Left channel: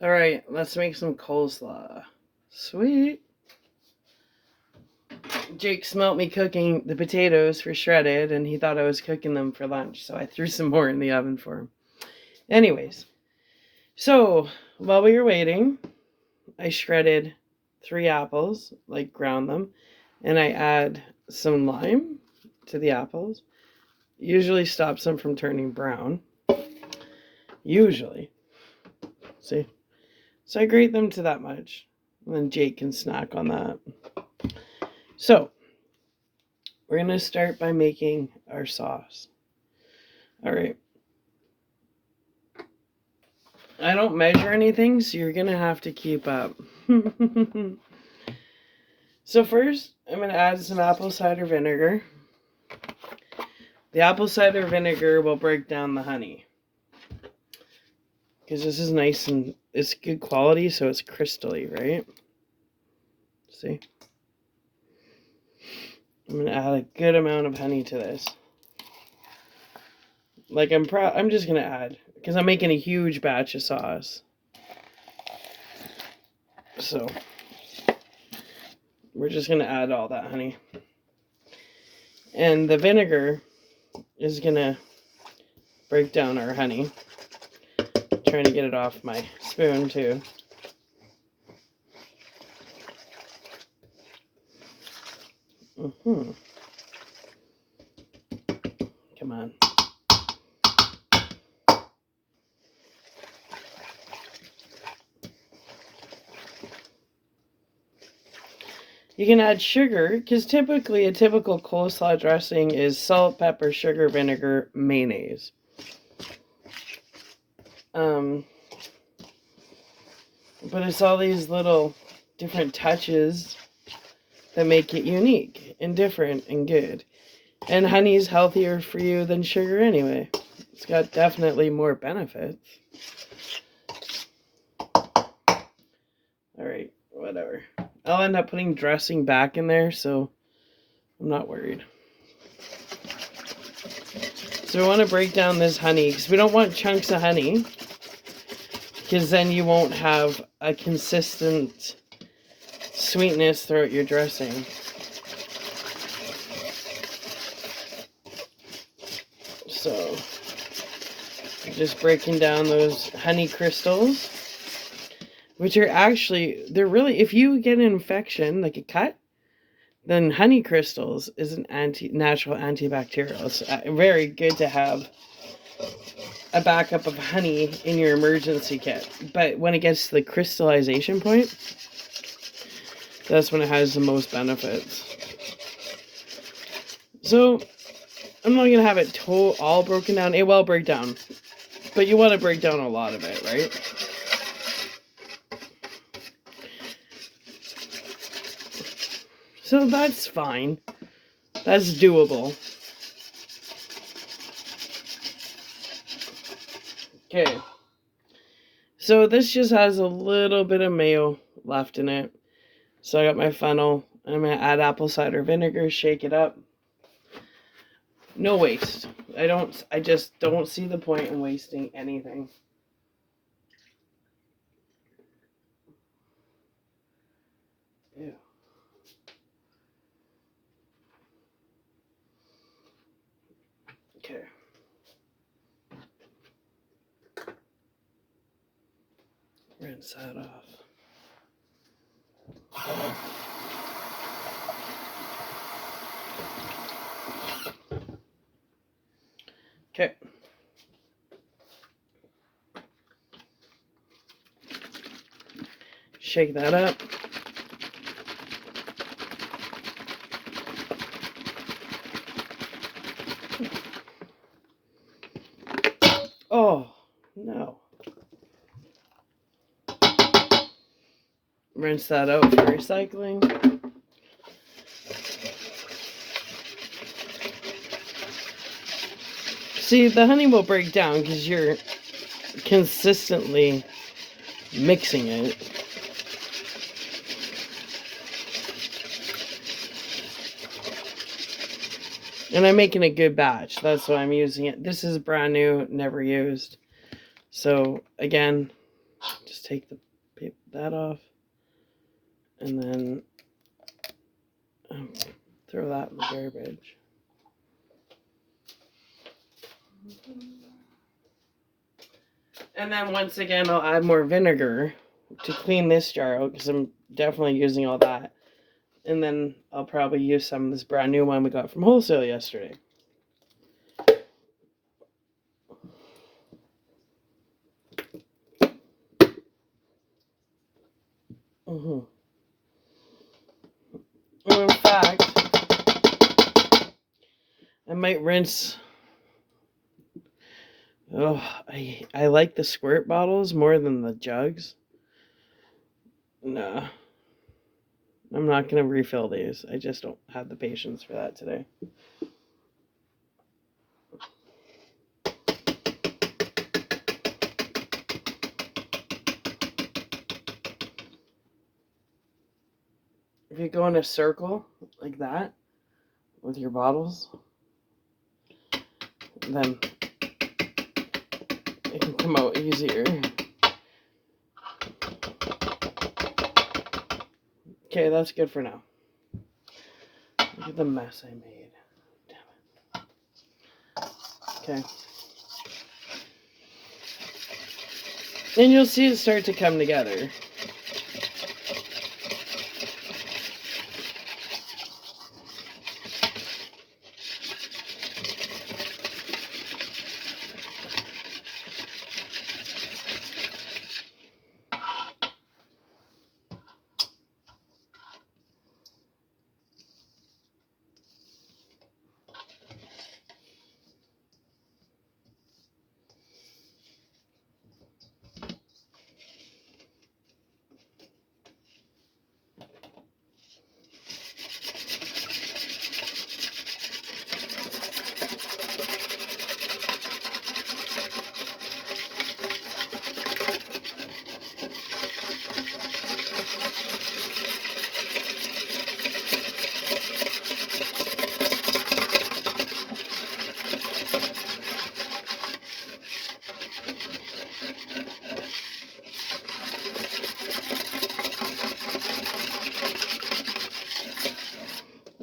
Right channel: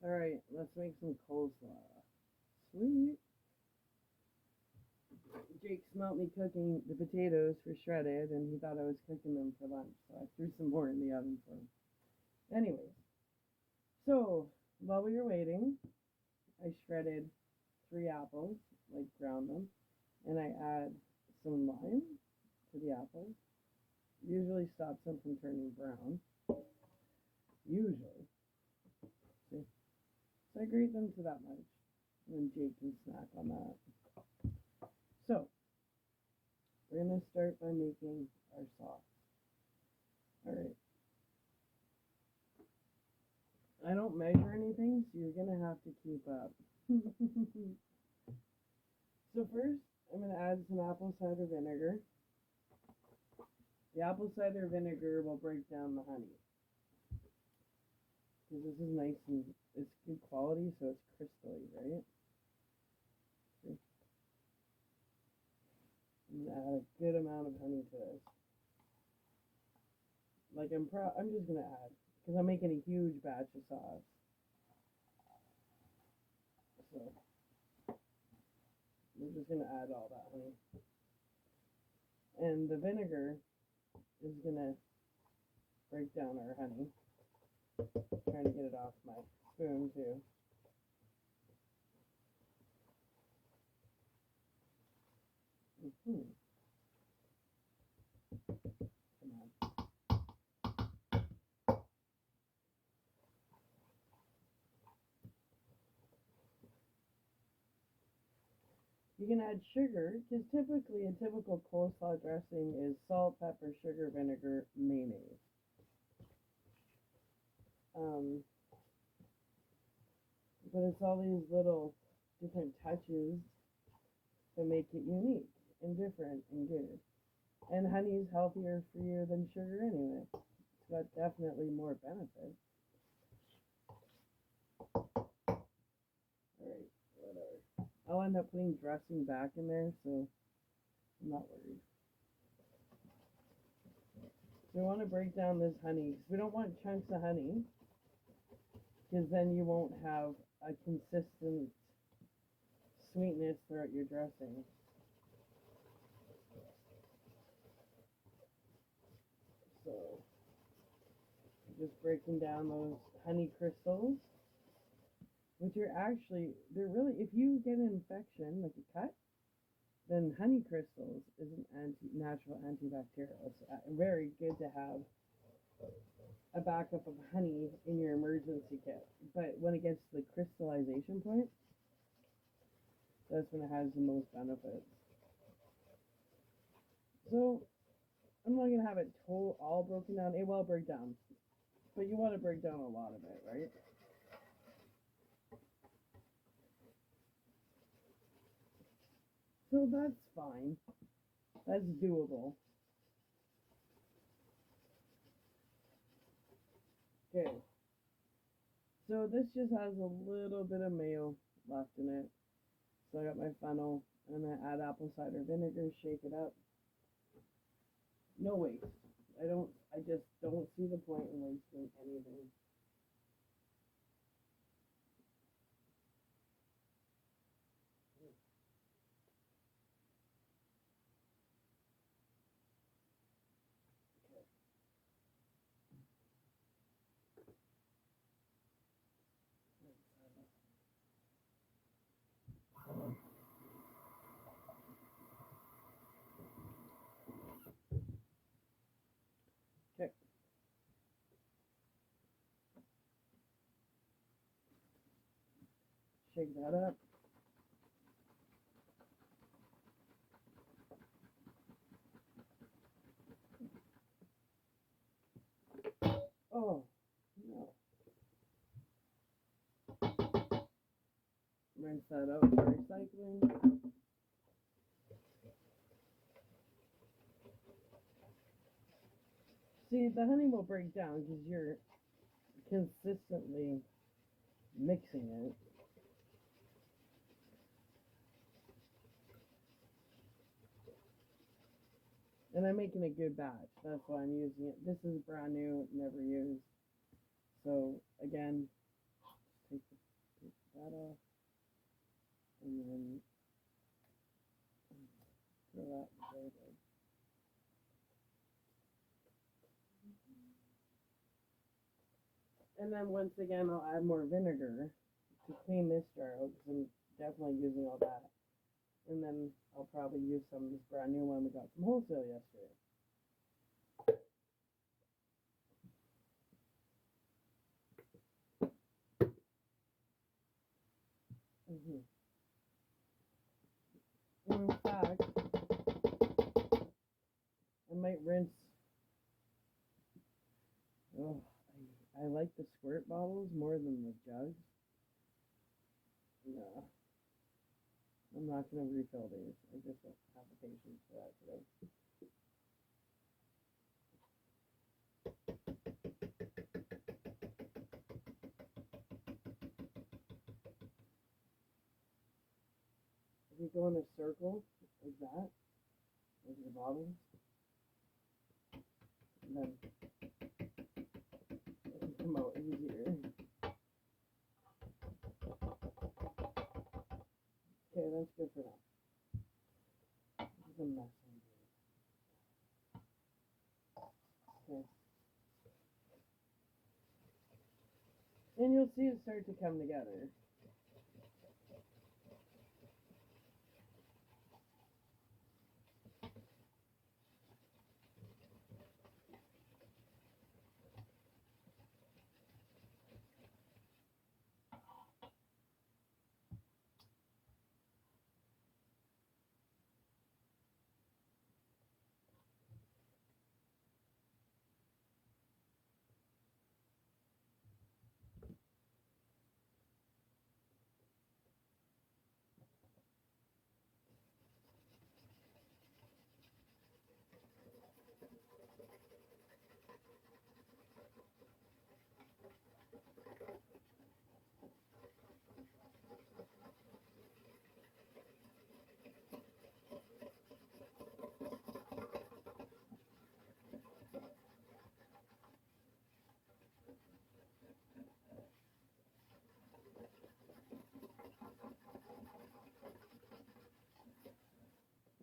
All right, let's make some coleslaw. Sweet. Jake smelt me cooking the potatoes for shredded, and he thought I was cooking them for lunch, so I threw some more in the oven for him. Anyways, so while we were waiting, I shredded 3 apples, like ground them, and I add some lime to the apples. Usually stops them from turning brown. Usually. See? So I grate them to that much. And then Jake can snack on that. So, we're going to start by making our sauce. All right. I don't measure anything, so you're going to have to keep up. So first, I'm going to add some apple cider vinegar. The apple cider vinegar will break down the honey. Because this is nice and it's good quality, so it's crystally, right? See? I'm going to add a good amount of honey to this. Like I'm just going to add, because I'm making a huge batch of sauce. So, we're just going to add all that honey. And the vinegar is going to break down our honey. Trying to get it off my spoon too. Come on. You can add sugar, because typically a typical coleslaw dressing is salt, pepper, sugar, vinegar, mayonnaise. But it's all these little different touches that make it unique and different and good. And honey's healthier for you than sugar anyway. It's got definitely more benefits. Alright, whatever. I'll end up putting dressing back in there, so I'm not worried. So we want to break down this honey, because we don't want chunks of honey, because then you won't have a consistent sweetness throughout your dressing. So, just breaking down those honey crystals, which are actually, they're really, if you get an infection, like a cut, then honey crystals is an natural antibacterial. It's very good to have a backup of honey in your emergency kit. But when it gets to the crystallization point, that's when it has the most benefits. So, I'm not going to have it all broken down. It will break down. But you want to break down a lot of it, right? So that's fine. That's doable. Okay. So this just has a little bit of mayo left in it. So I got my funnel. I'm going to add apple cider vinegar, shake it up. No waste. I just don't see the point in wasting anything. Ew. Okay. Rinse that off. Okay. Shake that up. Oh, no. Rinse that out for recycling. See, the honey will break down because you're consistently mixing it. And I'm making a good batch. That's why I'm using it. This is brand new, never used. So, again, Just take that off, and then throw that in the garbage. And then once again, I'll add more vinegar to clean this jar out because I'm definitely using all that. And then I'll probably use some of this brand new one we got from wholesale yesterday. In fact, I might rinse. Oh, I like the squirt bottles more than the jugs. Nah. I'm not going to refill these. I just don't have the patience for that today. If you go in a circle like that with your bottles, then it can come out easier. Okay, that's good for now. Look at the mess I made. Damn it. Okay. And you'll see it start to come together.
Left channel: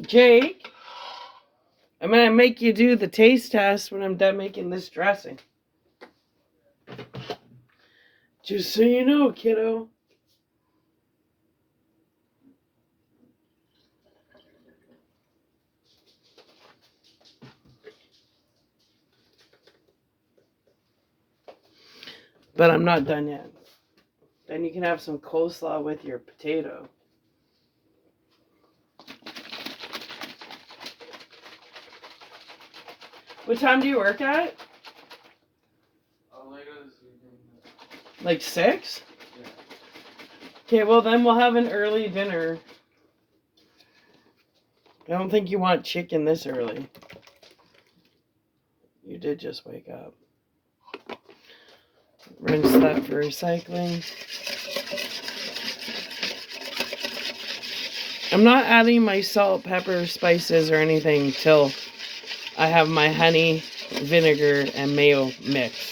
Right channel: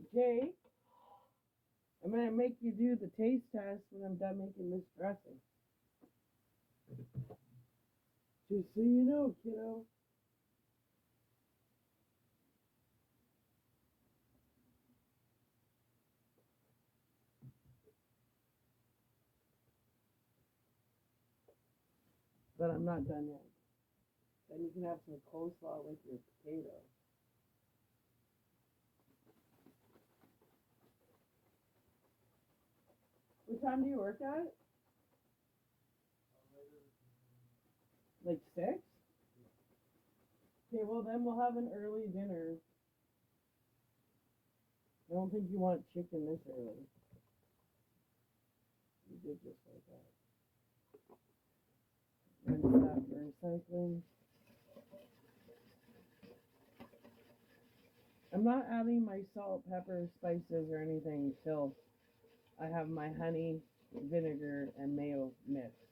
Jake, I'm going to make you do the taste test when I'm done making this dressing. Just so you know, kiddo. But I'm not done yet. Then you can have some coleslaw with your potato. What time do you work at? Later this evening. Like 6? Yeah. Okay, well then we'll have an early dinner. I don't think you want chicken this early. You did just wake up. Rinse that for recycling. I'm not adding my salt, pepper, spices, or anything till I have my honey, vinegar, and mayo mixed.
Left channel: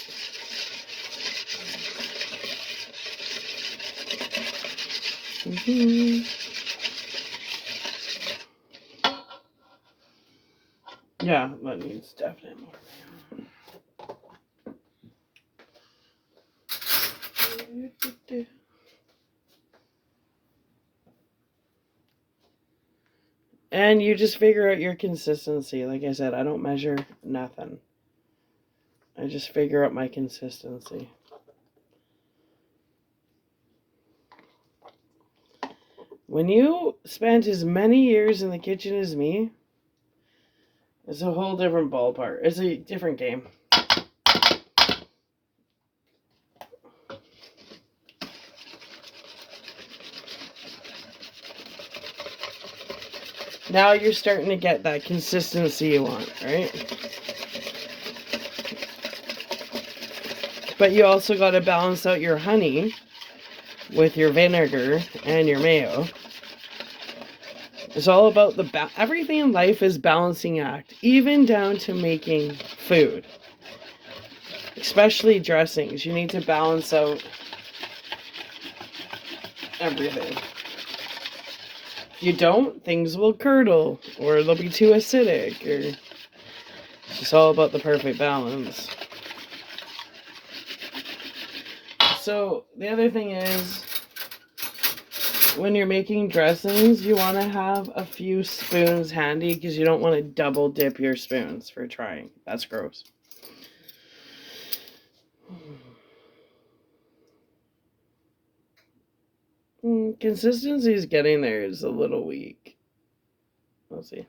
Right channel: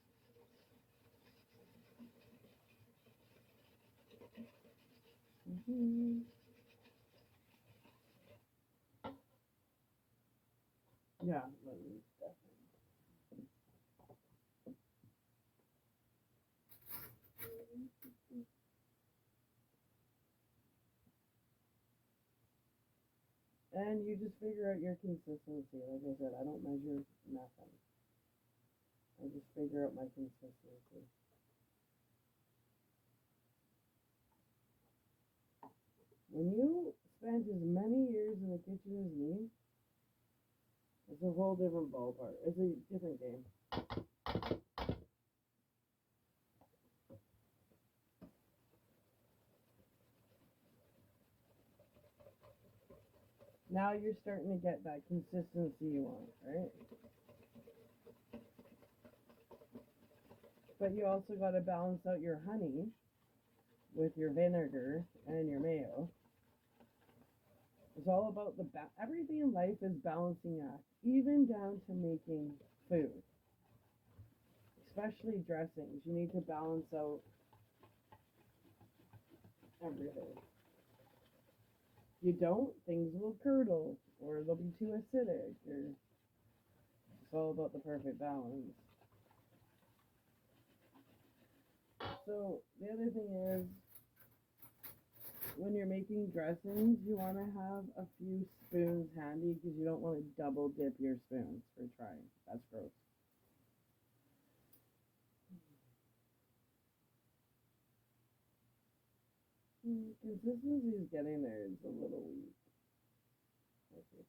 Yeah, that needs definitely more mayo. And you just figure out your consistency. Like I said, I don't measure nothing. I just figure out my consistency. When you spent as many years in the kitchen as me, it's a whole different ballpark. It's a different game. Now you're starting to get that consistency you want, right? But you also got to balance out your honey with your vinegar and your mayo. It's all about everything in life is balancing act, even down to making food. Especially dressings. You need to balance out everything. If you don't, things will curdle, or they'll be too acidic, or it's just all about the perfect balance. So the other thing is, when you're making dressings, you want to have a few spoons handy because you don't want to double dip your spoons for trying. That's gross. Consistency is getting there. Is a little weak. We'll see.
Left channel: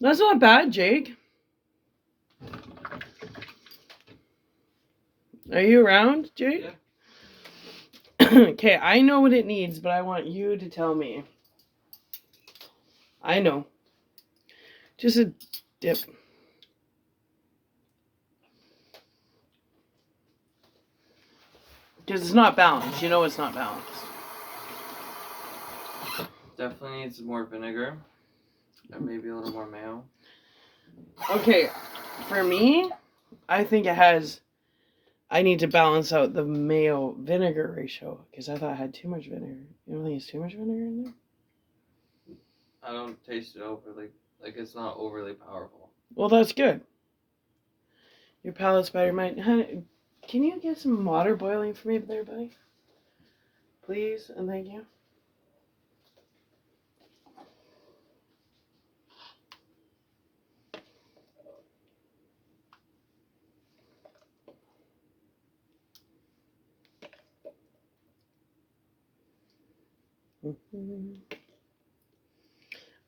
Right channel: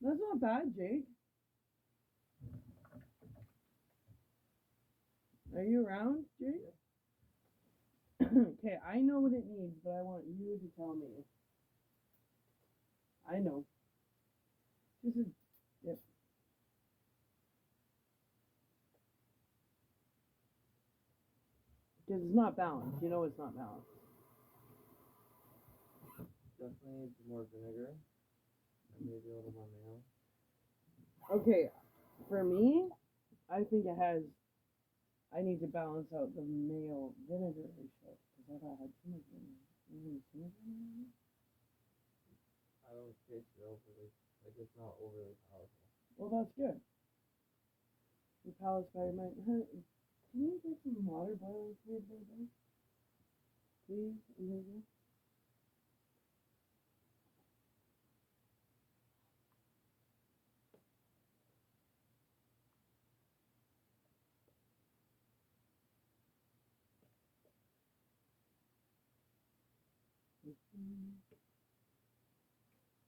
That's not bad, Jake. Are you around, Jake? Yeah. Okay, I know what it needs, but I want you to tell me. I know. Just a dip. Because it's not balanced. You know it's not balanced. Definitely needs more vinegar. And maybe a little more mayo. Okay, for me, I think it has... I need to balance out the mayo vinegar ratio. Because I thought I had too much vinegar. You don't think it's too much vinegar in there? I don't taste it overly... Like, it's not overly powerful. Well, that's good. Your palate's better. Honey, can you get some water boiling for me there, buddy? Please, and thank you.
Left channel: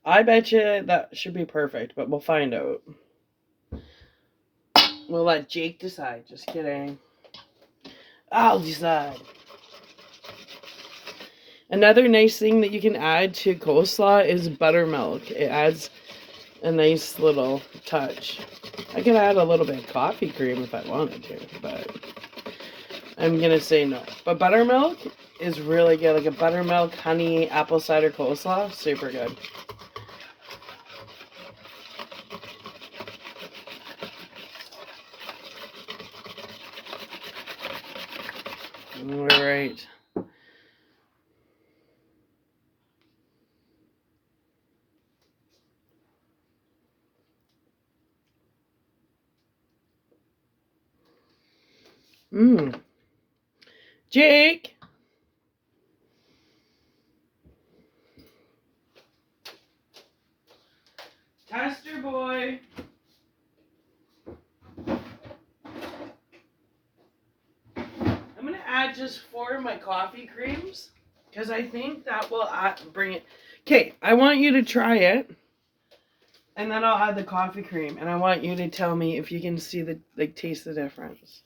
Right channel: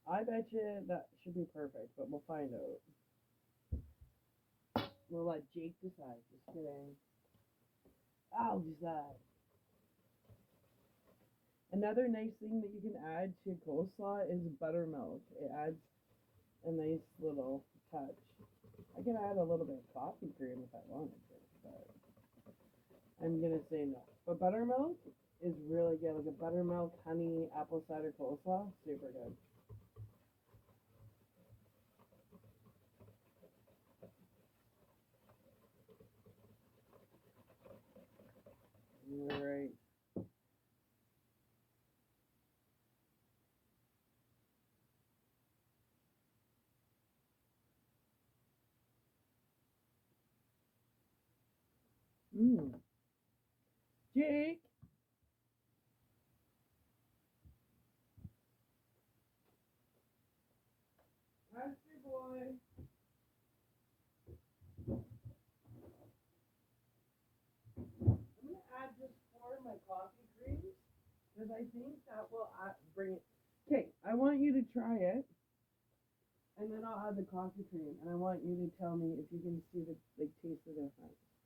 I bet you that should be perfect, but we'll find out. We'll let Jake decide. Just kidding. I'll decide. Another nice thing that you can add to coleslaw is buttermilk. It adds a nice little touch. I could add a little bit of coffee cream if I wanted to, but I'm going to say no. But buttermilk is really good. Like a buttermilk, honey, apple cider coleslaw. Super good. All right. Jake. Tester boy. I'm going to add just 4 of my coffee creams because I think that will bring it. Okay, I want you to try it. And then I'll add the coffee cream. And I want you to tell me if you can see taste the difference.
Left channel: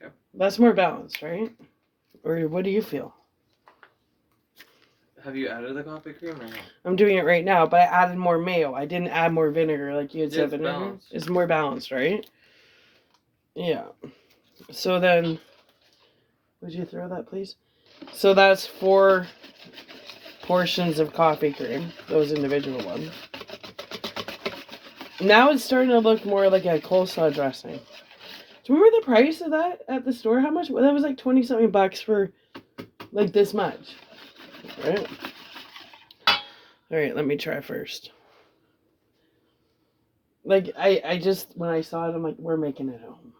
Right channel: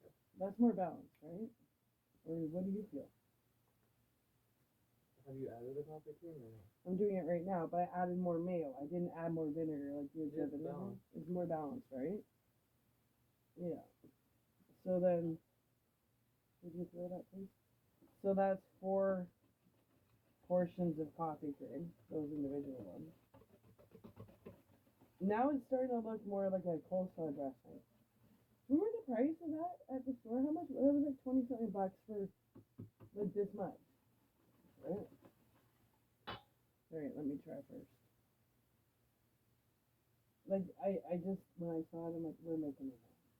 Okay. That's more balanced, right? Or what do you feel? Have you added the coffee cream or no? I'm doing it right now, but I added more mayo. I didn't add more vinegar like you had said. Vinegar. Balanced. It's more balanced, right? Yeah. So then, would you throw that, please? So that's 4 portions of coffee cream, those individual ones. Now it's starting to look more like a coleslaw dressing. Do you remember the price of that at the store? How much? Well, that was like 20-something bucks for like this much. Right? Alright, let me try first. Like, I just, when I saw it, I'm like, we're making it at home.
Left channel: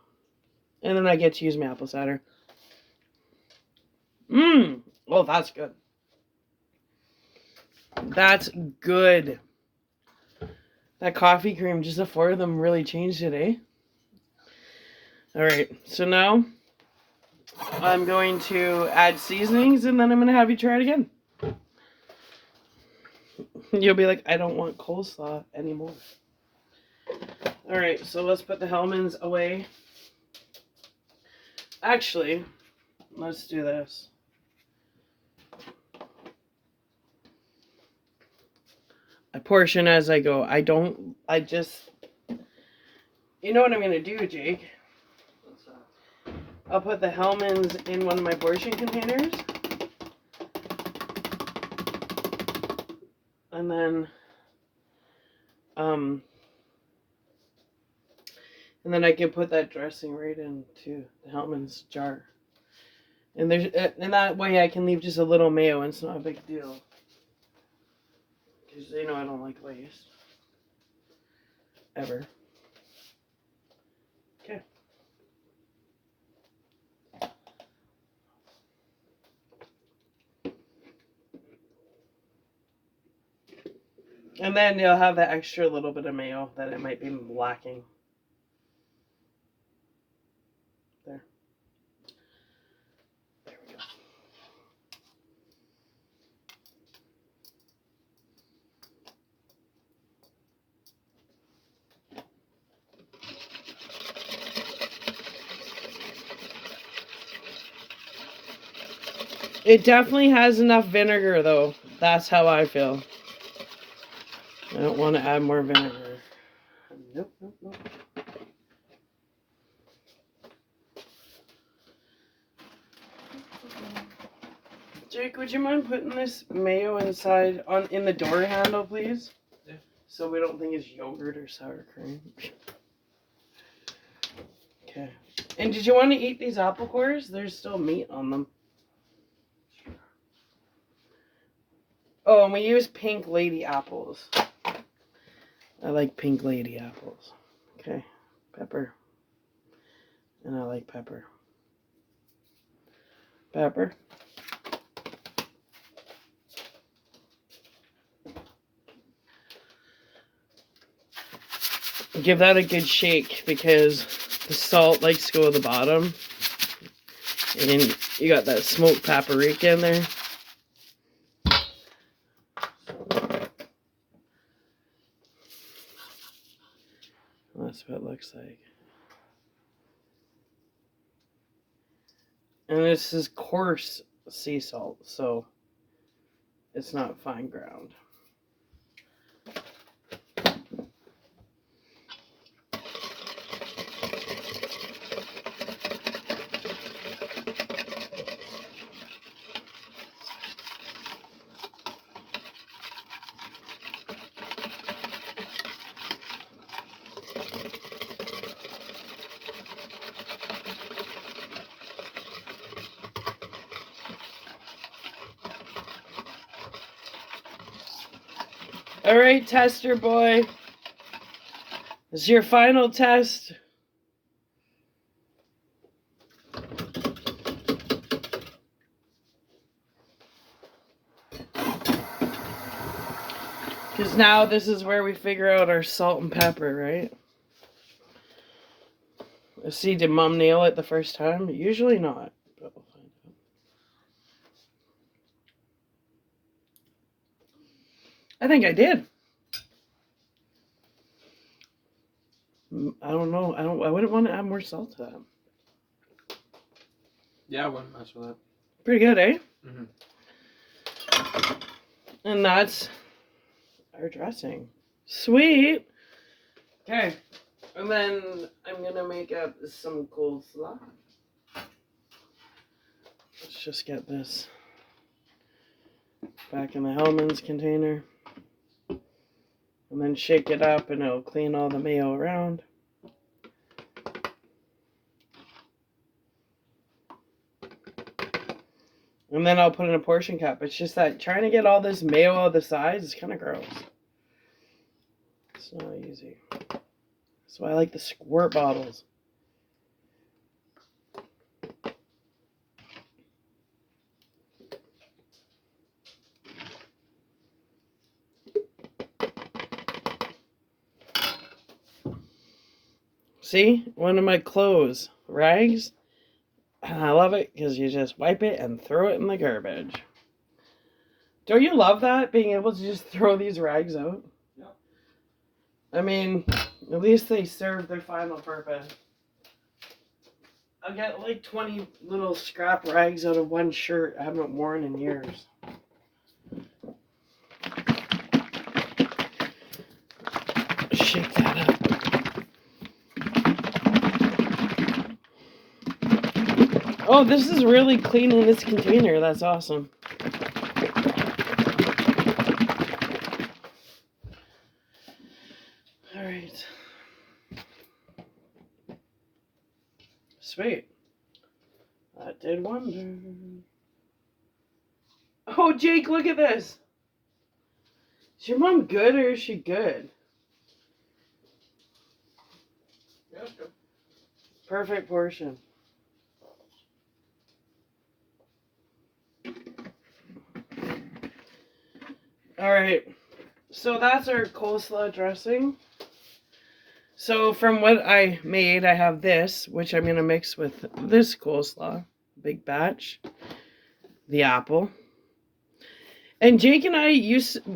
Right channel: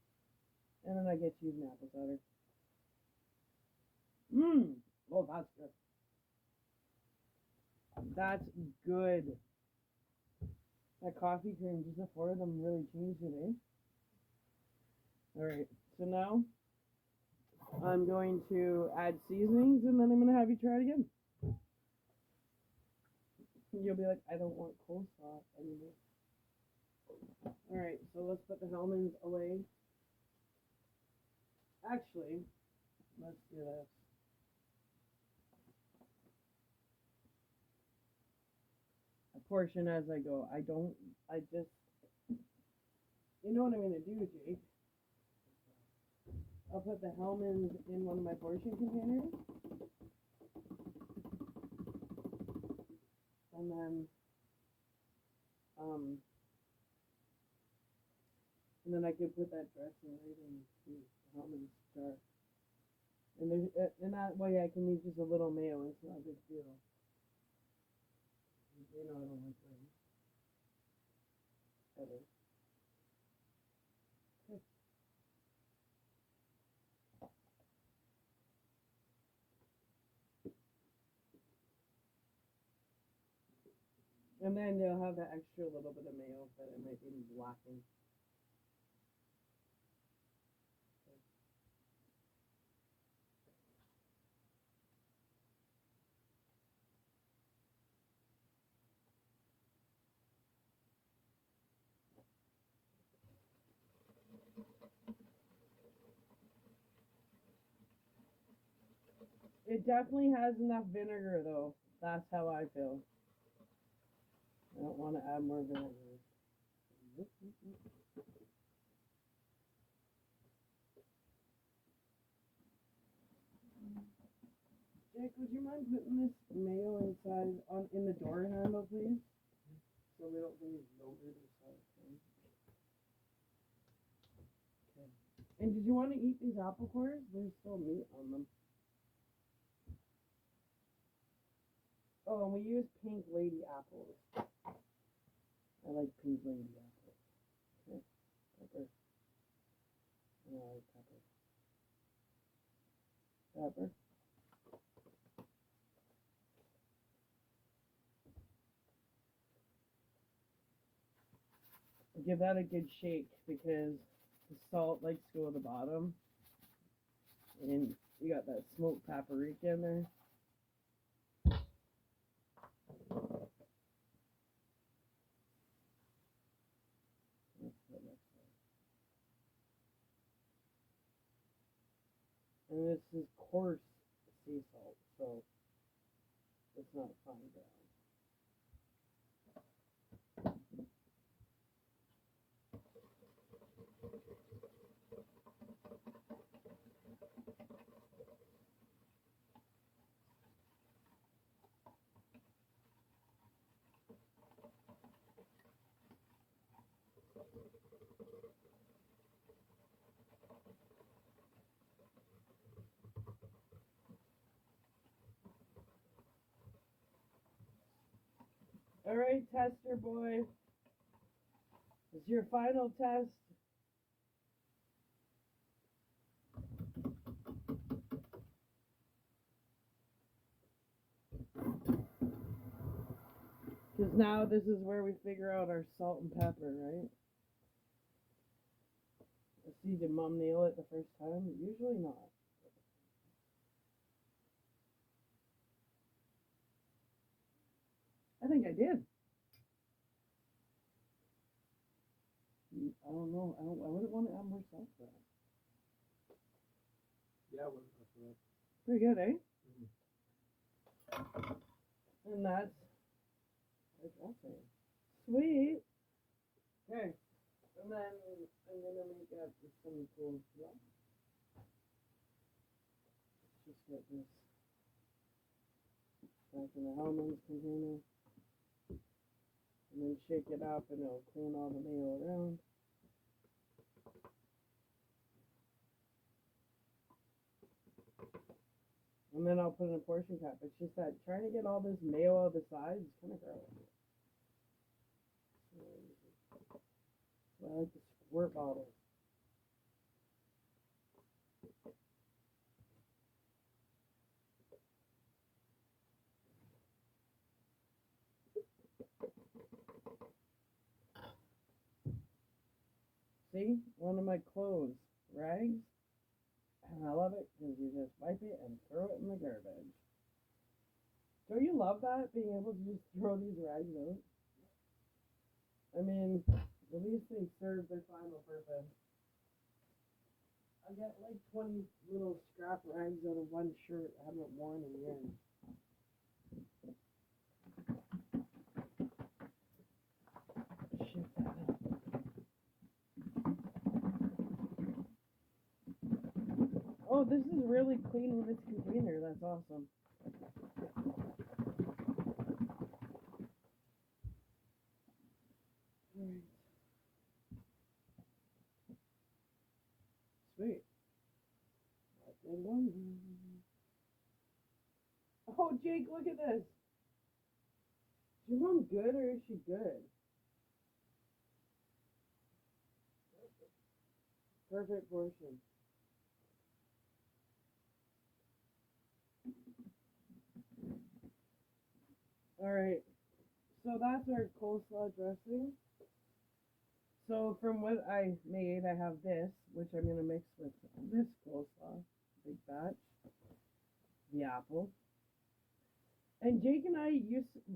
And then I get to use my apple cider. Oh, that's good. That's good. That coffee cream, just the 4 of them really changed it, eh? Alright, so now I'm going to add seasonings and then I'm going to have you try it again. You'll be like, I don't want coleslaw anymore. Alright, so let's put the Hellmann's away. Actually, let's do this. I portion as I go. You know what I'm going to do, Jake? What's that? I'll put the Hellmann's in one of my portion containers. And then, And then I can put that dressing right into the Hellman's jar. And there's and that way I can leave just a little mayo and it's not a big deal. Because you know I don't like waste. Ever. Okay. And then you'll have that extra little bit of mayo that it might be lacking. There. There we go. It definitely has enough vinegar though. That's how I feel. I don't want to add more vinegar. Nope, nope, nope. Jake, would you mind putting this mayo inside in the door handle, please? Yeah. So we don't think it's yogurt or sour cream. Okay. And did you want to eat these apple cores? There's still meat on them. Oh, and we use pink lady apples. I like pink lady apples. Okay. Pepper. And I like pepper. Pepper. Give that a good shake because the salt likes to go to the bottom. And you got that smoked paprika in there. That's what it looks like. And this is coarse sea salt, so it's not fine ground. All right, tester boy. This is your final test. Because now this is where we figure out our salt and pepper, right? Let's see, did Mom nail it the first time? Usually not. But we'll find out. I think I did. I don't know. I wouldn't want to add more salt to that. Yeah, I wouldn't mess with that. Pretty good, eh? Mm-hmm. And that's our dressing. Sweet. Okay. And then I'm going to make up some coleslaw. Let's just get this back in the Hellman's container. And then shake it up and it'll clean all the mayo around. And then I'll put in a portion cup. It's just that trying to get all this mayo out of the sides is kind of gross. It's not easy. That's why I like the squirt bottles. See? One of my clothes. Rags. And I love it because you just wipe it and throw it in the garbage. Don't you love that? Being able to just throw these rags out? Yeah. I mean, at least they serve their final purpose. I'll get like 20 little scrap rags out of one shirt I haven't worn in years. Shake that up. Oh, this is really clean in this container. That's awesome. All right. Sweet. That did wonders. Oh, Jake, look at this. Is your mom good or is she good? Yeah, it's good. Perfect portion. Alright, so that's our coleslaw dressing. So from what I made, I have this, which I'm going to mix with this coleslaw. Big batch. The apple. And Jake and I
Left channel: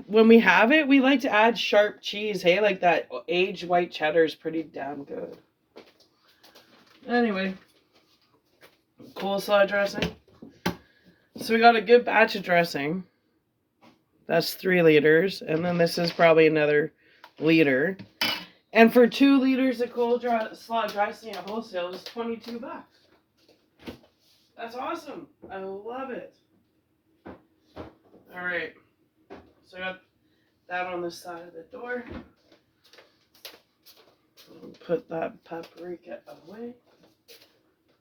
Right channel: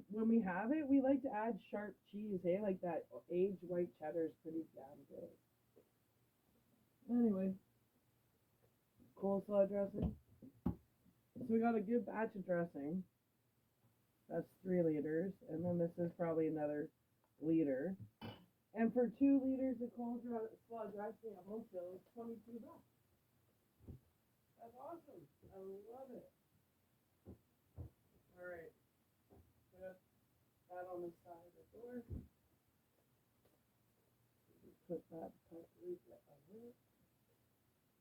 when we have it, we like to add sharp cheese, hey? Like that aged white cheddar is pretty damn good. Anyway, coleslaw dressing. So we got a good batch of dressing. That's 3 liters. And then this is probably another liter. And for 2 liters of coleslaw dressing at wholesale is $22. That's awesome. I love it. All right. So I got that on the side of the door. Put that paprika away.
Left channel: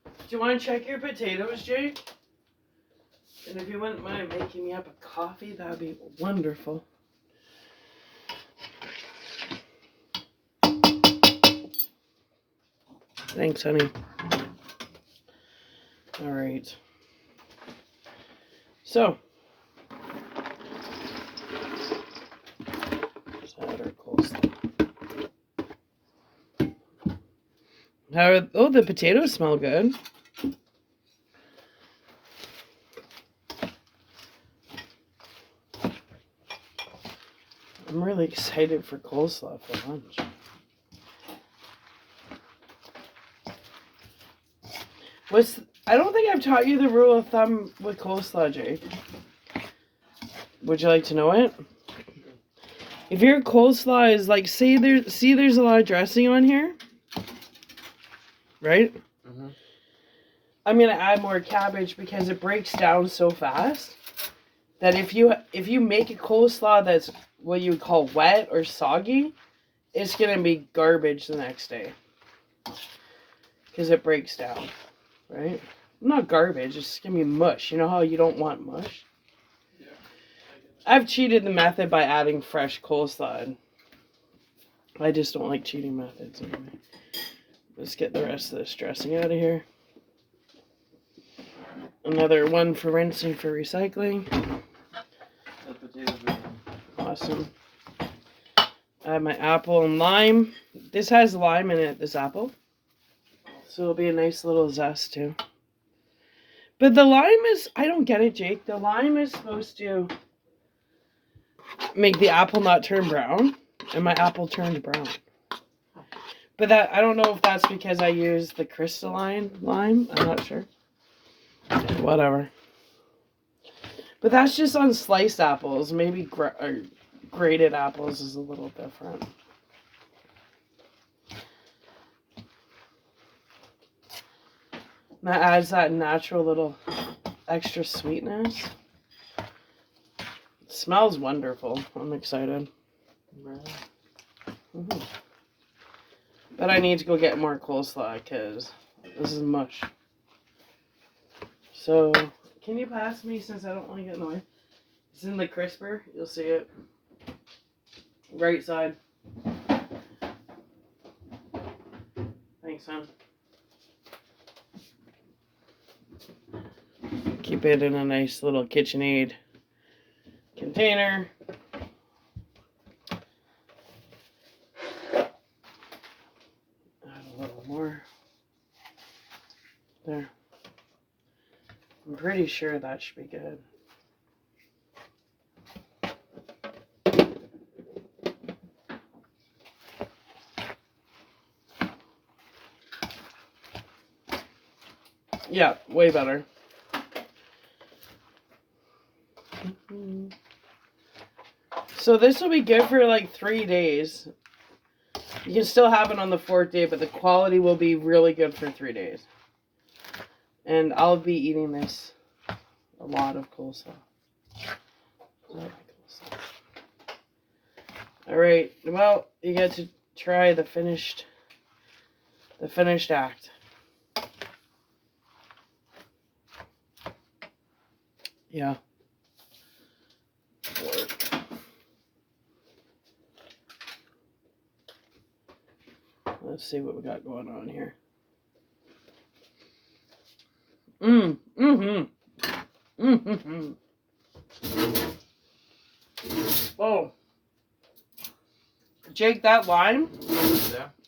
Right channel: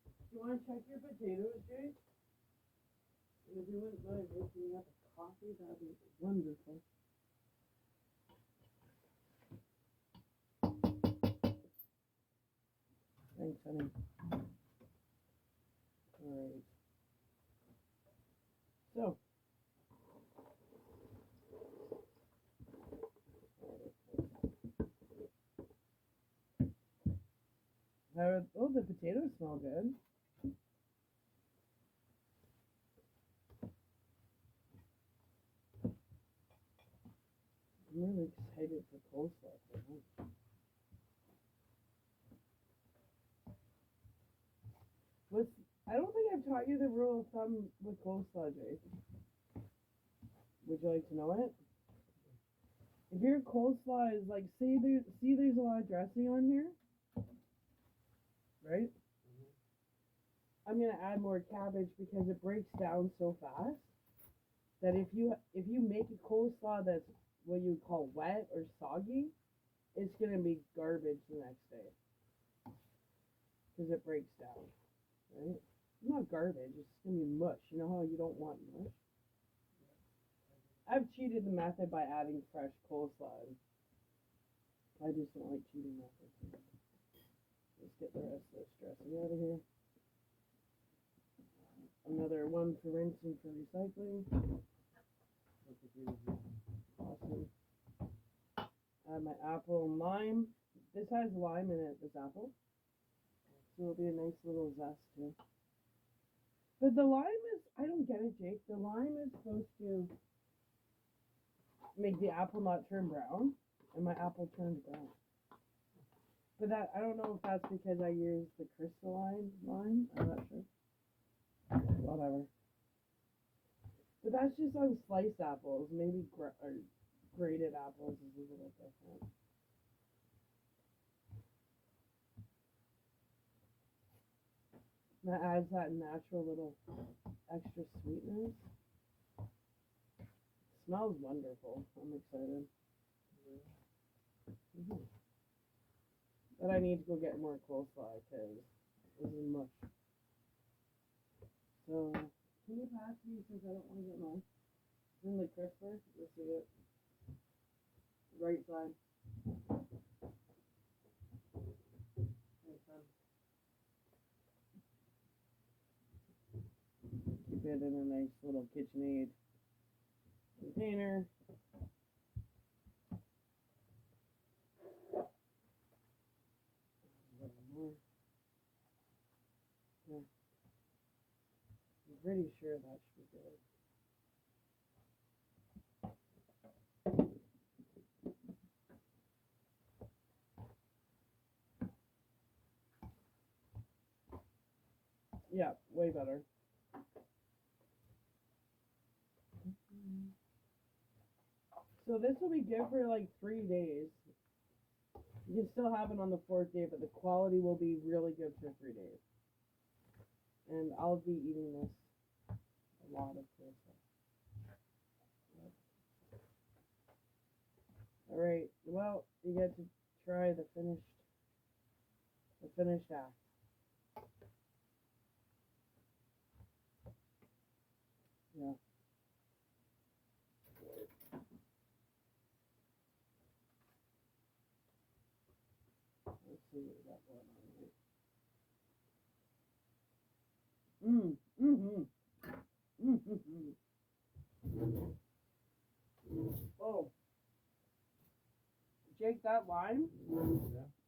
Do you want to check your potatoes, Jake? And if you wouldn't mind making me up a coffee, that would be wonderful. Thanks, honey. All right. So, let's add our coleslaw. Oh, the potatoes smell good. I'm really excited for coleslaw for lunch. I don't think I've taught you the rule of thumb with coleslaw, Jake. Would you like to know it? If your coleslaw is like, there's a lot of dressing on here, right? Mm-hmm. I'm gonna add more cabbage because it breaks down so fast that if you make a coleslaw that's what you would call wet or soggy, it's gonna be garbage the next day because it breaks down, right? Not garbage, it's gonna be mush. You know how you don't want mush? Yeah. I've cheated the method by adding fresh coleslaw. I just don't like cheating methods anyway. Let's get the rest of this dressing out of here. Another one for rinsing for recycling. The potatoes are done. Awesome. I have my apple and lime. This has lime in it, this apple. So it'll be a nice little zest too. But the lime is, I don't get it, Jake. The lime is supposed to make the apple not turn brown. And my apple turned brown. But that, I don't know if that's because I used the crystalline lime. I'm not sure. Whatever. But that's just on sliced apples. Maybe grated apples is a little different. That adds that natural little extra sweetness. It smells wonderful. I'm excited. Mm-hmm. But I need to go get more coleslaw because this is mush. So, can you pass me since I don't want to get in the way? It's in the crisper. You'll see it. Right side. Thanks, hon. Keep it in a nice little KitchenAid container. Add a little more. There. I'm pretty sure that should be good. Yeah, way better. So this will be good for like 3 days. You can still have it on the 4th day, but the quality will be really good for 3 days. And I'll be eating this. A lot of coleslaw. Alright, well, you get to try the finished act. Yeah. Let's see what we got going on here. Oh. Jake, that lime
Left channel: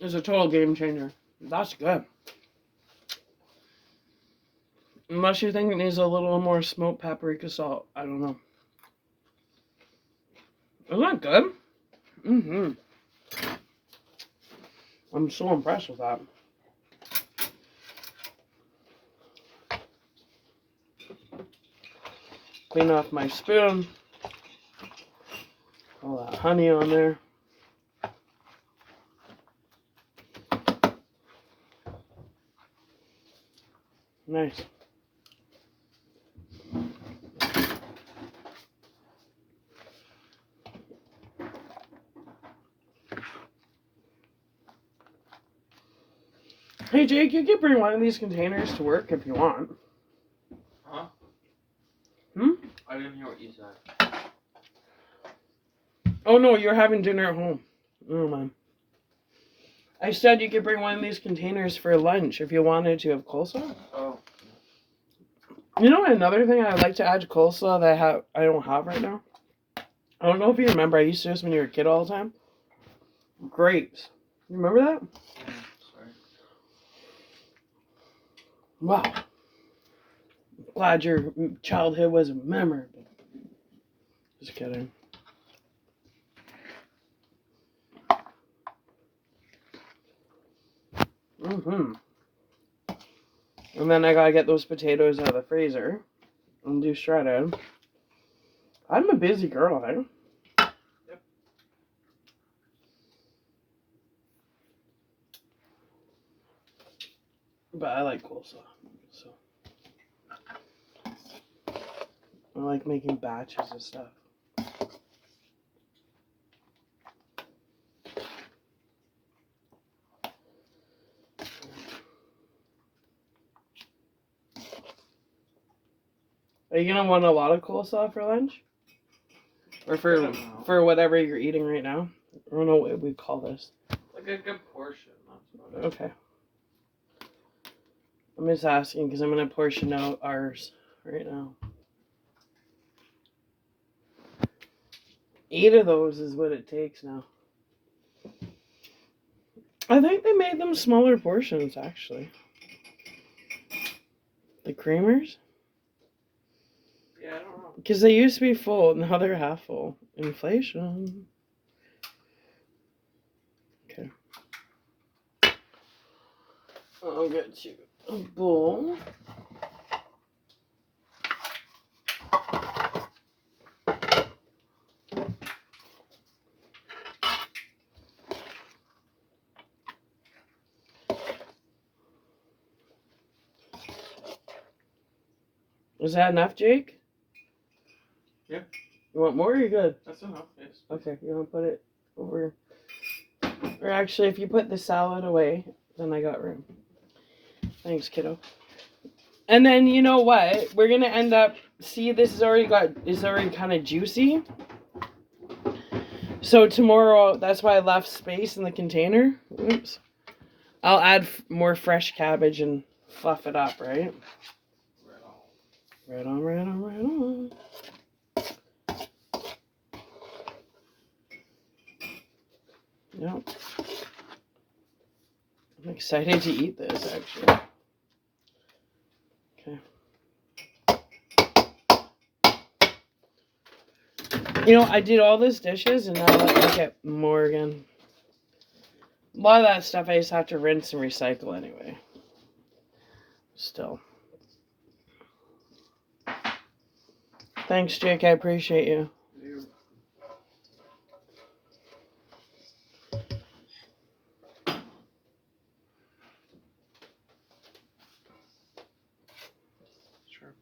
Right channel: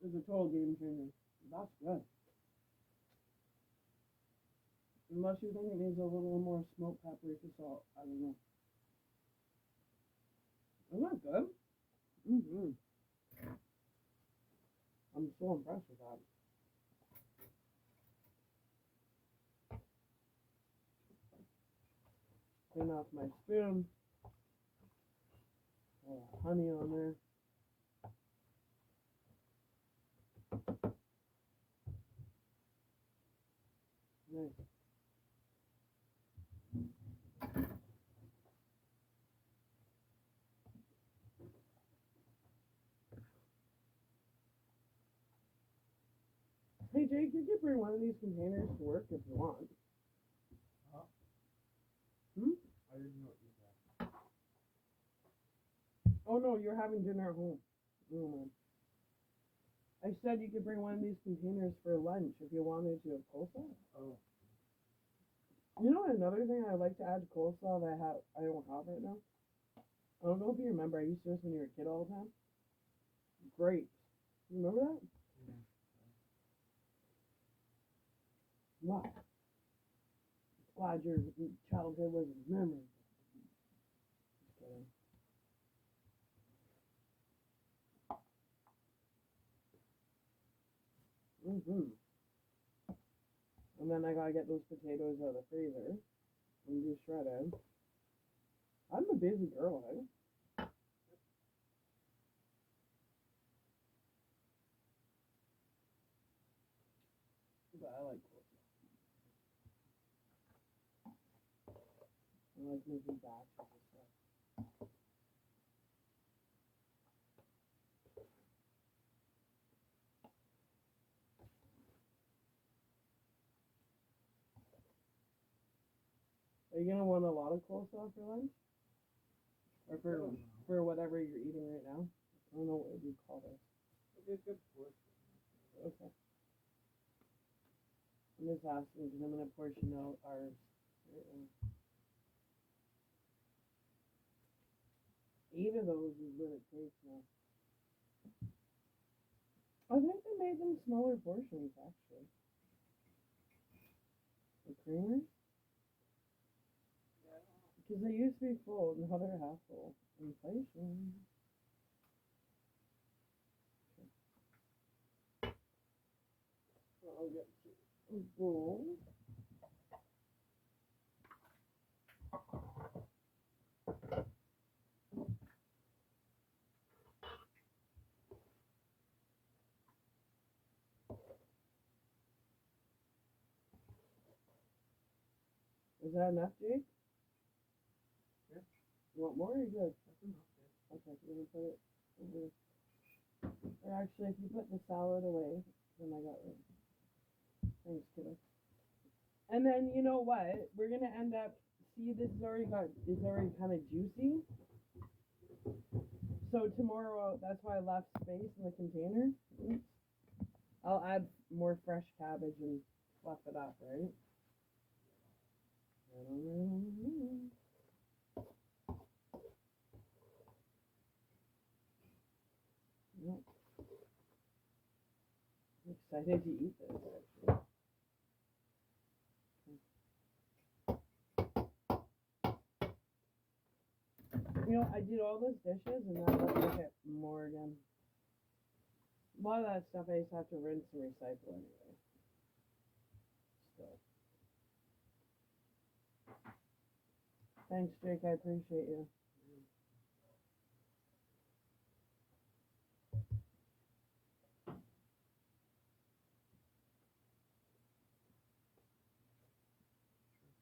is a total game changer. That's good. Unless you think it needs a little more smoked paprika salt. I don't know. Isn't that good? I'm so impressed with that. Clean off my spoon. All that honey on there. Nice. Hey Jake, you can bring one of these containers to work if you want. Huh? Hmm? I didn't hear what you said. Oh no, you're having dinner at home. Oh man. I said you could bring one of these containers for lunch if you wanted to have coleslaw. Oh. You know another thing I'd like to add to coleslaw that I don't have right now? I don't know if you remember, I used to do this when you were a kid all the time. Grapes. You remember that? Sorry. Wow. Glad your childhood was memorable. Just kidding. And then I gotta get those potatoes out of the freezer and do shredded. I'm a busy girl, eh? Yep. But I like coleslaw, so I like making batches of stuff. Are you gonna want a lot of coleslaw for lunch? Or for whatever you're eating right now? I don't know what we call this. Like a good portion. That's about it. Okay. I'm just asking because I'm gonna portion out ours right now. 8 of those is what it takes now. I think they made them smaller portions, actually. The creamers? Yeah, I don't know. Because they used to be full, now they're half full. Inflation. Okay. I'll get you a bowl. Is that enough, Jake? Yeah. You want more or you good? That's enough, yes. Okay, you want to put it over. Or actually, if you put the salad away, then I got room. Thanks, kiddo. And then, you know what? We're going to end up... See, this is already kind of juicy. So tomorrow, that's why I left space in the container. Oops. I'll add more fresh cabbage and fluff it up, right? Right on, right on, right on. Yep. I'm excited to eat this, actually. Okay. You know, I did all these dishes, and now I get more again. A lot of that stuff I just have to rinse and recycle anyway. Still. Thanks, Jake. I appreciate you. Sure.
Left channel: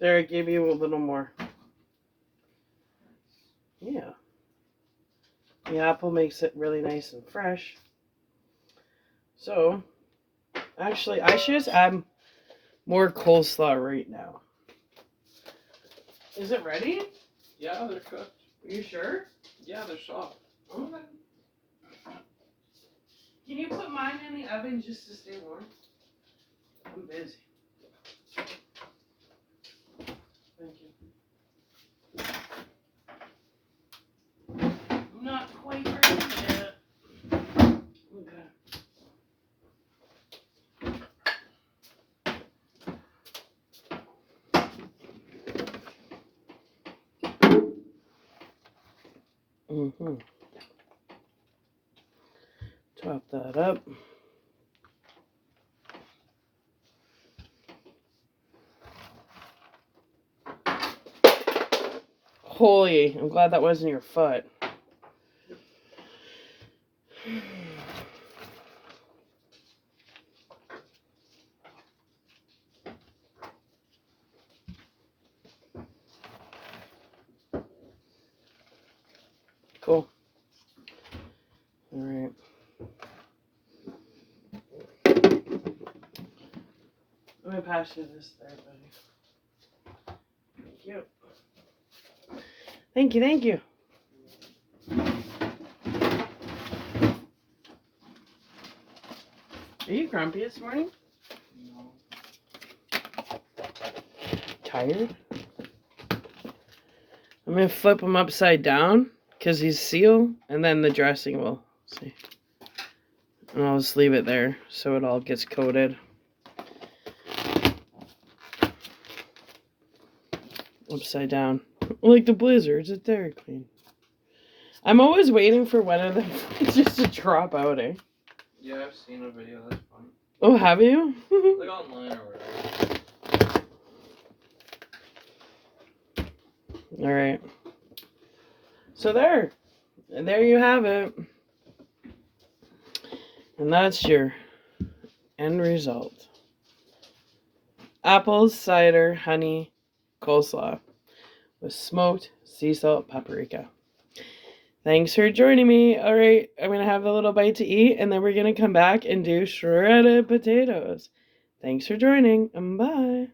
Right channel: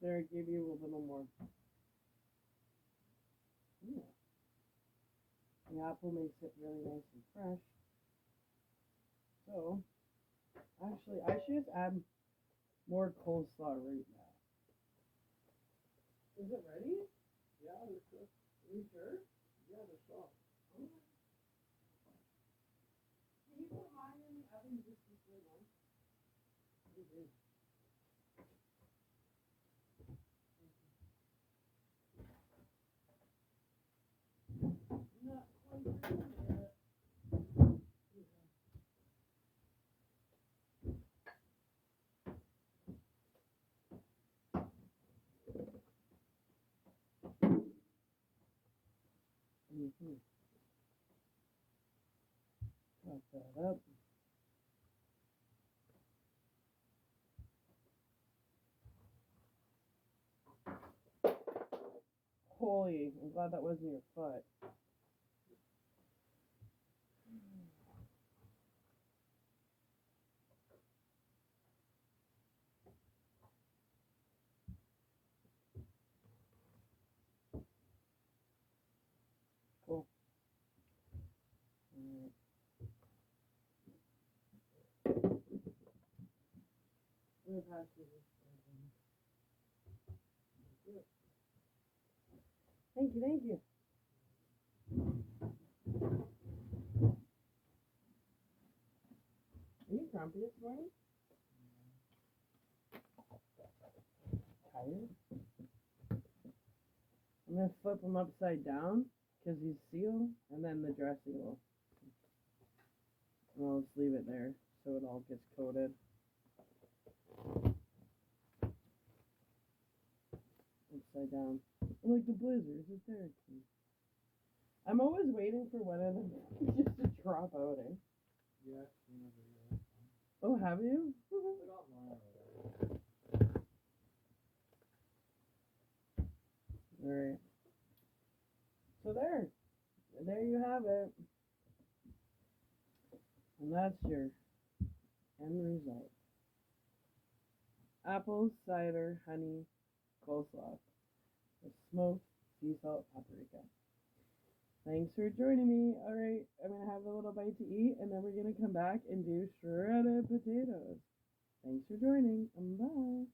There, I gave you a little more. Yeah. The apple makes it really nice and fresh. So, actually, I should just add more coleslaw right now. Is it ready? Yeah, they're cooked. Are you sure? Yeah, they're soft. Okay. Can you put mine in the oven just to stay warm? I'm busy. Thank you. I'm not quite ready yet. Okay. Mm-hmm. Top that up. Holy, I'm glad that wasn't your foot. Cool. All right. Let me pass you this there, buddy. Thank you. Thank you, thank you. Are you grumpy this morning? No. Tired? I'm going to flip him upside down because he's seal, and then the dressing will. See. And I'll just leave it there so it all gets coated. Upside down. Like the Blizzards at Dairy Queen. I'm always waiting for one of them just to drop out, eh? Yeah, I've seen a video. That's fun. Oh, have you? Like online or whatever. Alright. So there. And there you have it. And that's your end result. Apples, cider, honey, coleslaw with smoked sea salt paprika. Thanks for joining me. All right, I'm going to have a little bite to eat, and then we're going to come back and do shredded potatoes. Thanks for joining, and bye.